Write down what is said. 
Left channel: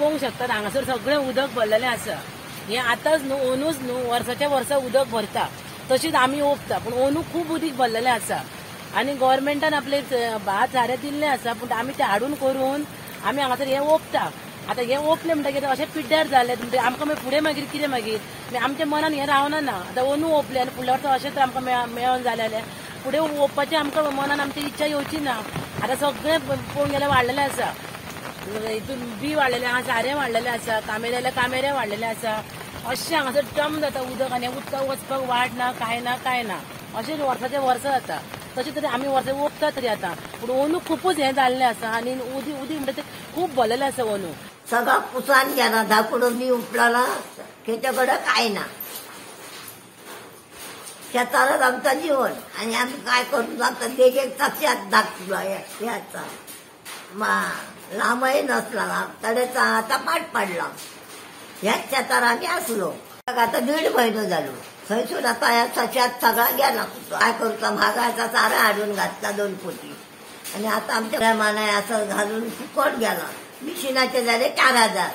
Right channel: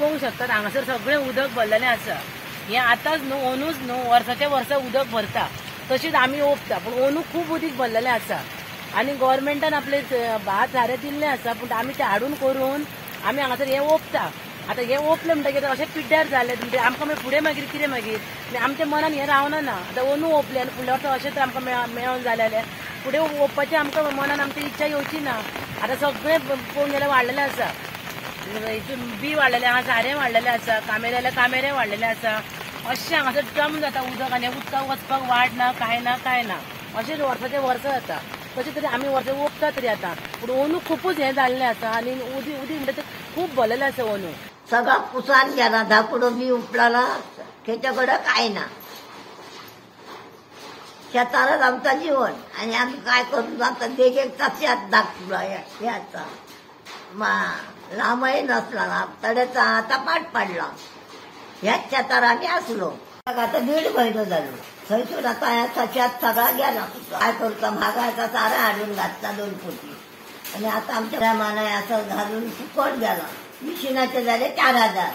पळोवंक शकतात हांगासर सगळें उदक भरलेलें आसा। हे आतांच न्हू अंदूच न्हू वर्साच्या वर्सा उदक भरता तशीच आमी ओंपता, पूण अंदूक खूब उदीक भरलेलें आसा आनी गव्हर्मेंटान आपले भात सारें दिल्लें आसा, पूण आमी तें हाडून करून आमी हांगासर हें ओंपता। आतां हें ओंपलें म्हणटकीर अशें पिड्ड्यार जालें म्हणजे आमकां मागीर फुडें मागीर कितें मागीर आमच्या मनान हें रावना ना। आतां अंदू ओंपलें आनी फुडल्या वर्सा अशें तर आमकां मेळोन जालें जाल्यार फुडें ओंपपाचें आमकां मनान आमची इच्छा येवची ना। आतां सगळें पळोवंक गेल्यार वाडलेलें आसा, हितून बी वाडलेलें आसा, सारें वाडलेलें आसा, कामेरे वाडलेले आसा। अशें हांगासर जम जाता उदक आनी उदकाक वचपाक वाट ना काय ना अशें वर्साचें वर्सा जाता। तशें तरी आमी वर्सां ओंपता तरी आतां, पूण अंदू खूबच हें जाल्लें आसा आनी उदीक म्हणटा तें खूब भरलेलें आसा अंदू। सगळा पुसान गेला, धापुडो बी उपलाला, त्याच्याकडे काय ना। शेतारच आमचं जीवन आणि आम्ही काय करून जाता देखील कशात दाखवायचा लांबही नसला तडेचा आता पाठ पडला ह्याच शेतार आम्ही असलो। आता 1.5 महिने झालो थंयसून आता ह्या सशात सगळा गेला। काय करता महागाचा सारा हाडून घातला 2 पोती आणि आता आमच्या मानाय असं घालून फुकट गेला। मिशिनाचे झाले 4,000।